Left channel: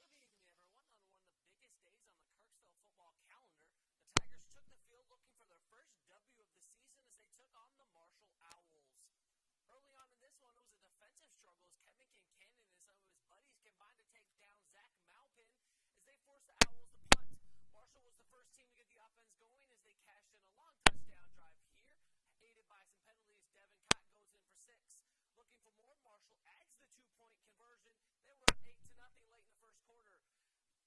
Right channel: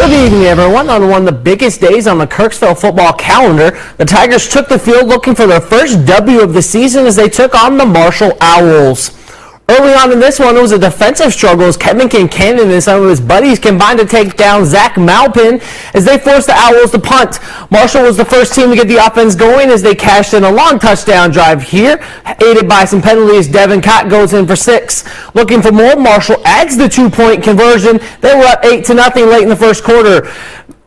Good evening, everyone. On one of the biggest days on the Kirksville football calendar, the Tigers took the field looking for their first W of the season as they took on the Marshall Owls. Early on in this one, it was a defensive struggle as Kevin Kincannon and some of his buddies combined to take down Zach Malpin as they forced the Owls to punt. Marshall was the first team to get the offense going as they cashed in a long touchdown drive here, aided by some penalties. Devin Cott goes in for 6. Looking for more, Marshall adds the 2-point conversion. They were up 8-0 late in the first quarter.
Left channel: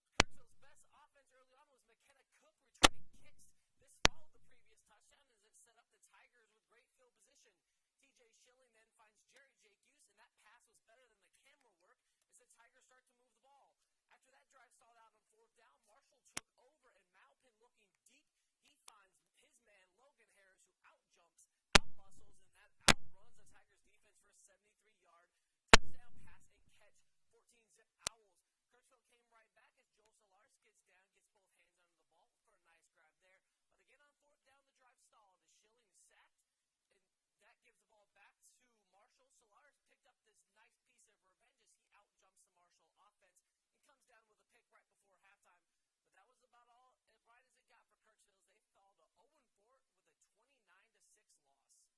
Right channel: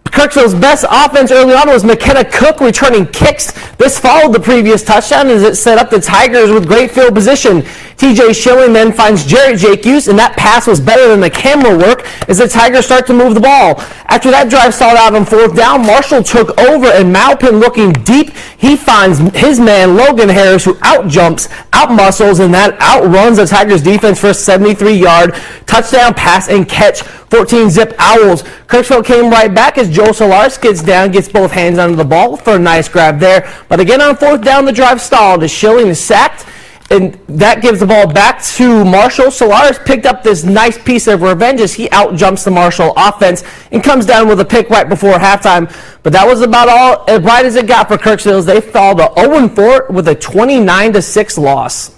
Kirksville's best offense early on was McKenna Cook returning kicks. This followed the previous touchdown as it set up the Tigers with great field position. TJ Schilling then finds Jarrett Jacques, and that pass was better than the camera work as the Tigers start to move the ball. After that drive stalled out on 4th down, Marshall took over, and Malpin looking deep. He finds his man Logan Harris, who outjumps, outmuscles, and that outruns the Tigers defense for a 73-yard touchdown pass and catch. 14-zip Owls. Kirksville came right back as Joe Solaris gets down, gets both hands under the ball for a nice grab there. But again on 4th down, the drive stalled as Schilling is sacked, and that gives the ball back to Marshall. Solaris picked up this nice piece of revenge as he outjumps the Marshall offense and comes down with a pick right before halftime. But that was about all as right as it got for Kirksville as they fall to 0-4 with a 29-6 loss.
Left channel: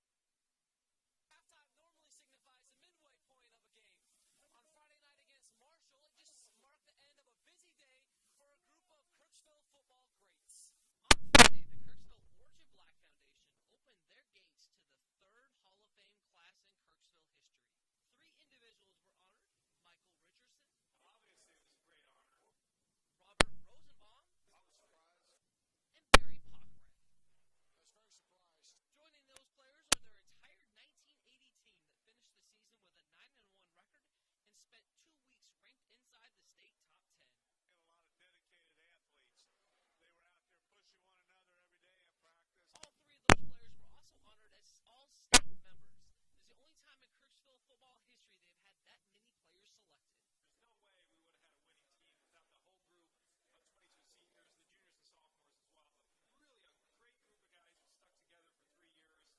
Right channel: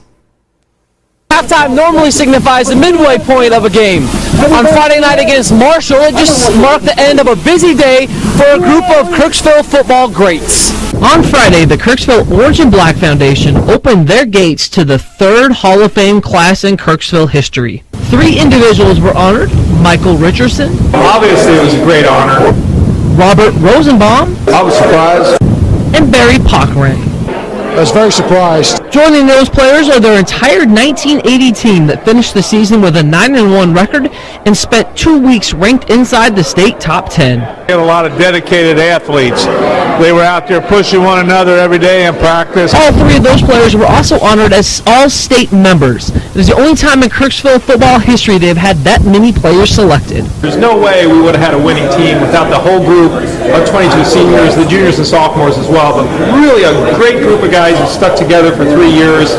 Halftime normally signifies the midway point of a game. On Friday night against Marshall, it just marked the end of a busy day for a group of Kirksville football greats. On Friday, the Kirksville Orange and Black Foundation opened their gates to the 3rd Hall of Fame class in Kirksville history. 3 individuals were honored: Michael Richardson. Obviously, it was a great honor. Robert Rosenbaum. I was surprised. And Barry Pockren. I was very surprised. Joining those players are their entire 1980 team that finished the season with a 9-1 record and spent 2 weeks ranked inside the state top 10. We had a lot of dedicated athletes. They were out there pushing one another every day in practice. All 3 of those players were also honored as all-state members. It is the only time in Kirksville football history they've had that many players selected. There's no way we would have had a winning team without the whole group of 22 seniors, the juniors and sophomores as well. But really a great group of guys who stuck together for 3 years.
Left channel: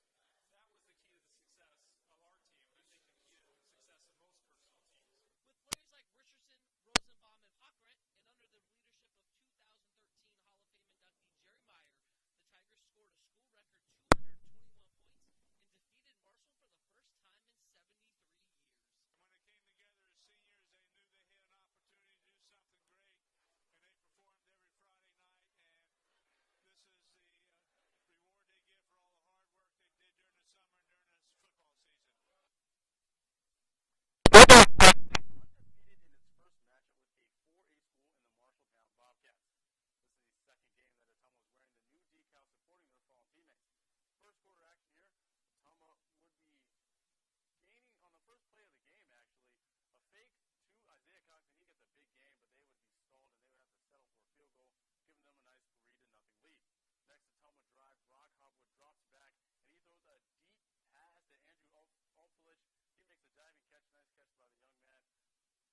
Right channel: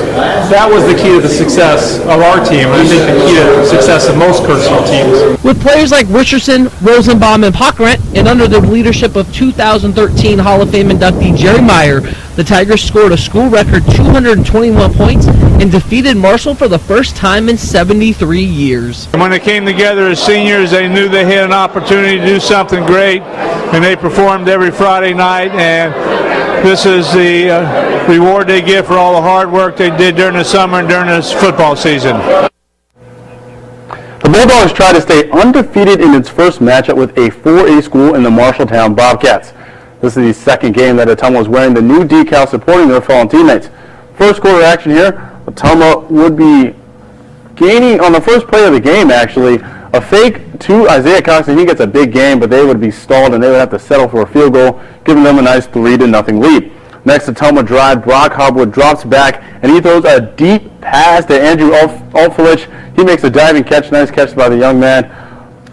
That was the key to the success of our team, and I think the key to the success of most Kirksville teams. With players like Richardson, Rosenbaum, and Pockrent, and under the leadership of 2013 Hall of Fame inductee Jerry Meyer, the Tigers scored a school record 221 points and defeated Marshall for the first time in 73 years. When they came together as seniors, they knew they had an opportunity to do something great, and they performed every Friday night, and this is the reward they get for all the hard work they did during the summer and during this football season. The Bulldogs try to stay undefeated in its first matchup with a 4A school in the Marshalltown Bobcats. This is the second game that Telma was wearing the new decal supporting their fallen teammates. First quarter action here, Telma would be gaining on the first play of the game, actually. A fake to Isaiah Cox, and he gets a big gain, but they would be stalled and they would have to settle for a field goal, giving them a nice 3-0 lead. Next, the Telma drive, Brock Hobwood drops back, and he throws a deep pass to Andrew Alfalich. He makes a diving catch, nice catch by the young man.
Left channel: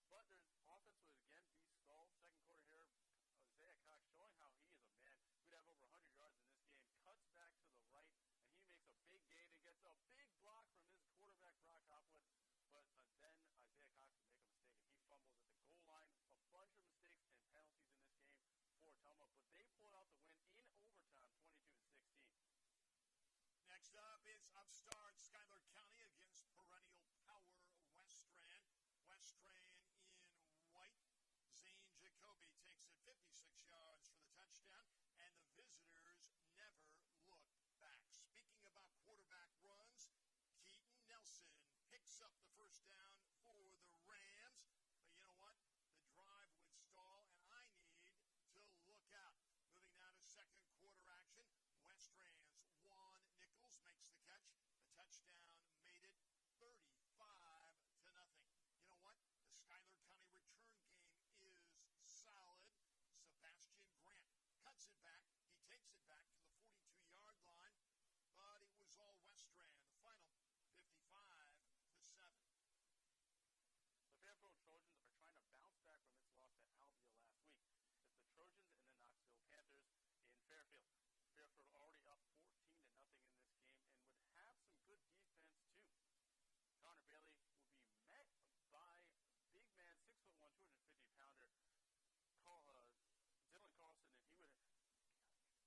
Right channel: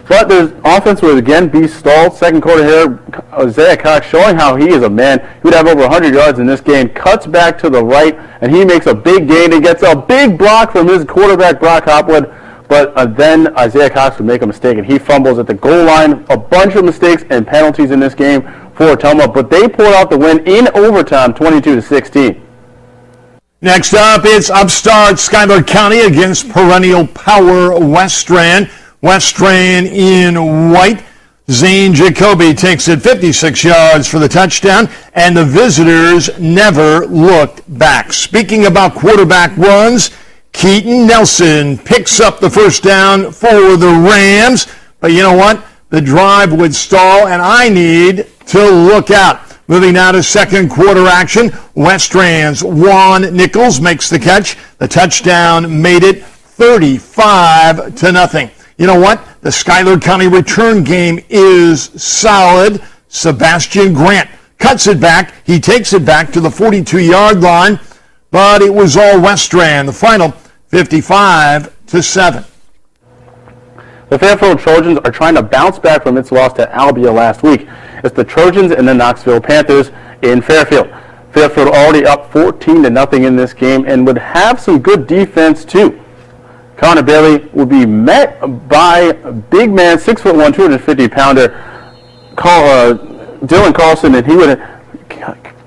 But the offense would again be stalled. Second quarter here, Isaiah Cox showing how he is a man. He would have over 100 yards in this game. Cuts back to the right, and he makes a big gain and gets a big block from his quarterback, Brock Hopwood. But then Isaiah Cox would make a mistake, and he fumbles at the goal line. A bunch of mistakes and penalties in this game for Telma, but they pulled out the win in overtime, 22-16. Next up, it's upstart Schuyler County against perennial power West Strand. West Strand in white. Zane Jacoby takes it 56 yards for the touchdown, and the visitors never looked back. Speaking about quarterback runs, Keaton Nelson picks up the first down for the Rams. But you know what? The drive would stall, and I need to look out. Moving now to second quarter action. West Strand's Juan Nichols makes the catch. The touchdown made it 35-0. You know what? The Schuyler County return game is solid. Sebastian Grant cuts it back. He takes it back to the 42-yard line, but it was all West Strand. The final 55-7. The Fairfield Trojans are trying to bounce back from its loss to Albia last week. It's the Trojans and the Knoxville Panthers in Fairfield. Fairfield already up 14-0 in this game and would have some good defense too. Connor Bailey will be met by big man, 6'1", 250-pounder Dylan Carlson, and he would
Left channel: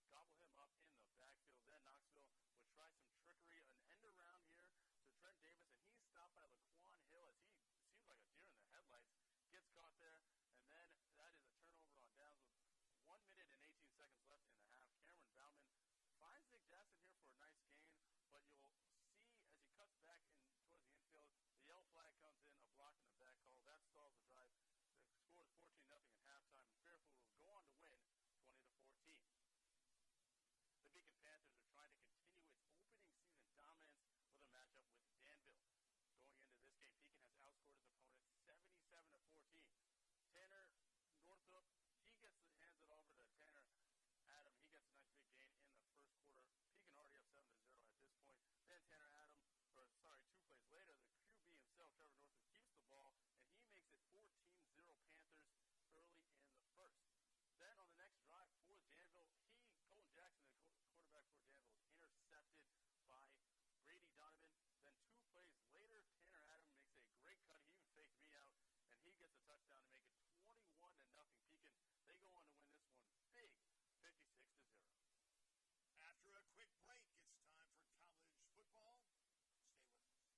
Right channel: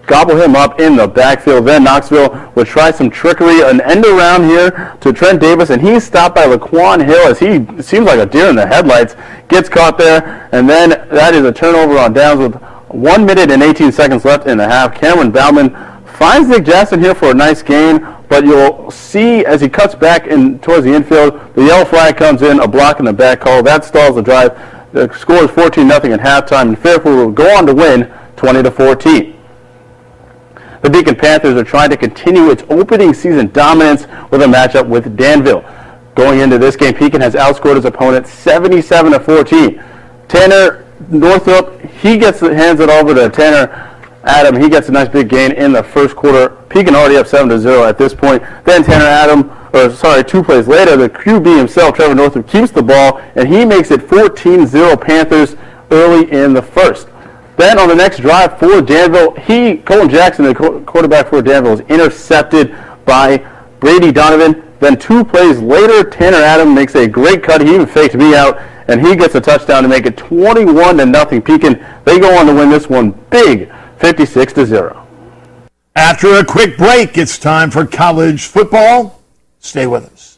gobble him up in the backfield. Then Knoxville would try some trickery, an end around here to Trent Davis, and he's stopped by Laquan Hill as he seems like a deer in the headlights, gets caught there, and then that is a turnover on downs with 1 minute and 18 seconds left in the half. Cameron Bauman finds Nick Jackson here for a nice gain, but you'll see as he cuts back in towards the infield, the yellow flag comes in, a block in the back call. That stalls the drive. The score is 14-0 at halftime, and Fairfield will go on to win 20-14. The Pekin Panthers are trying to continue its opening season dominance with a matchup with Danville. Going into this game, Pekin has outscored his opponent 77-14. Tanner Northrop, he hands it over to Tanner Adam. He gets a nice big gain in the first quarter. Pekin already up 7-0 at this point. Then 2 plays later, the QB himself, Trevor Northrop, keeps the ball, and he makes it 14-0 Panthers early in the first. Then on the next drive for Danville, Colin Jackson, the quarterback for Danville, is intercepted by Brady Donovan. Then 2 plays later, Tanner Adam makes a great cut. He even faked me out, and he gets a touchdown to make it 21-0 Pekin. They go on to win this one big, 56-0. After a quick break, it's time for college football. Stay with us.